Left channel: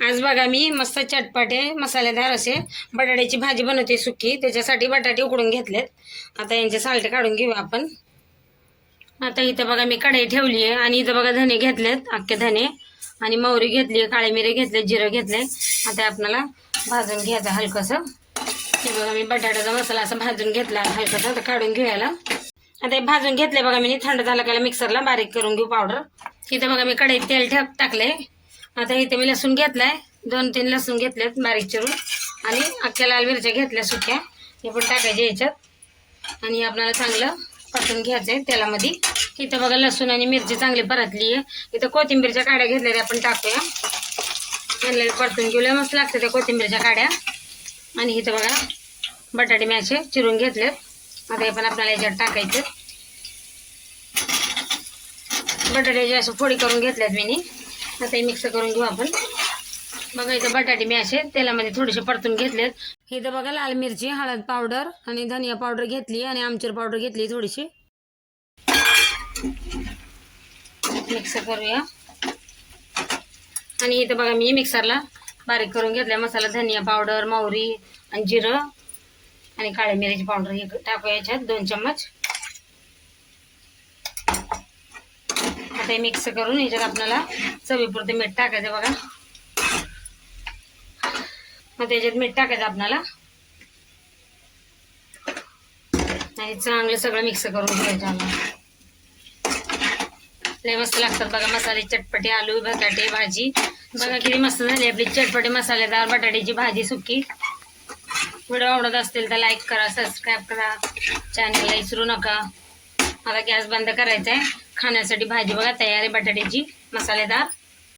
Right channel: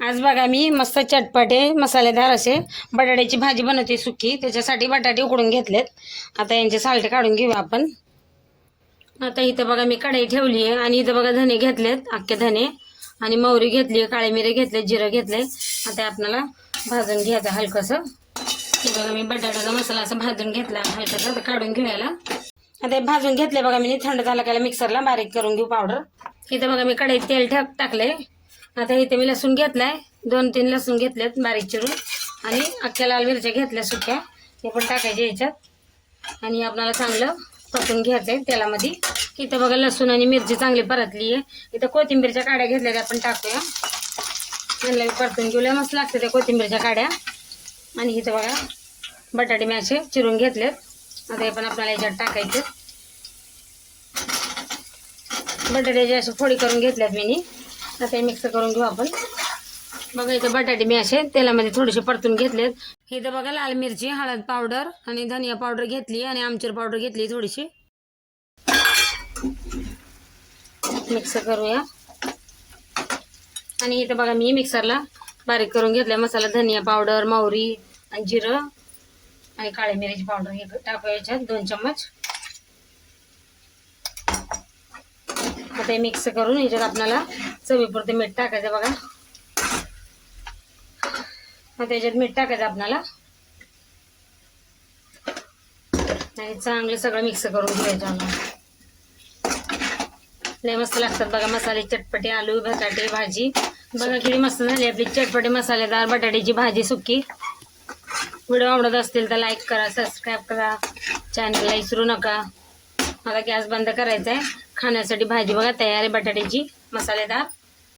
आज बघा मी मस्त चटपटे मसालेदार असे बटाट्याची भाजी बनवते सुकी. त्याच्यासाठी बटाटे उकडून घेतलेत. आता यांचे सालटे काढून घेऊ आपण. आता इथं बघा मी कढई ठेवली आहे आणि इथं बघा धने घेतलेत अख्खे धने. आणि मोहरी घेतली आहे काळे मिरे घेतले जिरं घेतले आता आपल्याला भाजून घ्यायचं हलकंसं. ते बघा मी बटाट्याचा मसाला असं भाजून घेतला हलकासा. आता काढून घेऊयाला. आता हे भाजून घेतले बघा मी थंड झाला का मिक्सरला बारीक करून घेऊ पावडर. इथं बघा मी कढईत तेल ठाक टाकले आता इथे मी लसूण घेतलाय. दोन तीन लसूण घेतल्यात बारीक चिरून. आणि अख्ख्या लाल मिरच्या घेतल्या सुक्या. हे पण टाकायच्या याच्यात. आणि आपल्याला चांगलं परतून घ्यायचं आहे तेलामध्ये. इथं बघा लसूण आणि मिरची चांगली परतली आहे. इथं कोथिंबीरच्या काड्या घेतल्या त्या आपण टाकूया. आणलेलं परतून घेऊया. मस्त लागतं त्या कोथिंबीरच्या काड्या. आणि इथं बघा बटाटे मी असे चिरून घेतलेत. आता हे पण आपल्याला याच्यात टाकायचं. बटाट्याची असं फोडी करून घेतल्यात मी आता हे मिक्स करून घेऊ आपण. बघा इथं बटाटे मी असे तेलामध्ये थोडेसे परतून घेतलेत. इथं बघा लाल मिरची हळद पावडर आणि धनिया पावडर घेतली आणि आमचूर पावडर घेतली थोडीशी. मिक्स करूया. आणि इथं बघा मी मिक्सरला बारीक करून घेतल्या. मसाला धनिया पावडर मोहरी आणि जिरं आणि काळी मिरची पावडर हे टाकूया याच्यात दोन चम्मच. आता हे मिक्स करून याच्यात आपल्याला चवीपुरते मीठ टाकायचं बघा. आता याच्यात मीठ टाकायचं आपल्याला. आणि चांगलं सगळं मिक्स करून घ्यायचं लय मस्त लागतात बघा मसाले चटपटे आलू बटाटे भाजी. बघा किती मस्त झाली आपली चटपटे मसालेदार बटाट्याची भाजी सुकी. व्हिडिओ आवडत असतील तर लाईक करा सबस्क्राईब करा. चॅनलला विसरू नका. मला गॅस बंद करायचा आहे खाण्यासाठी भाजी बघा तयार आहे बटाट्याची मसालेदार.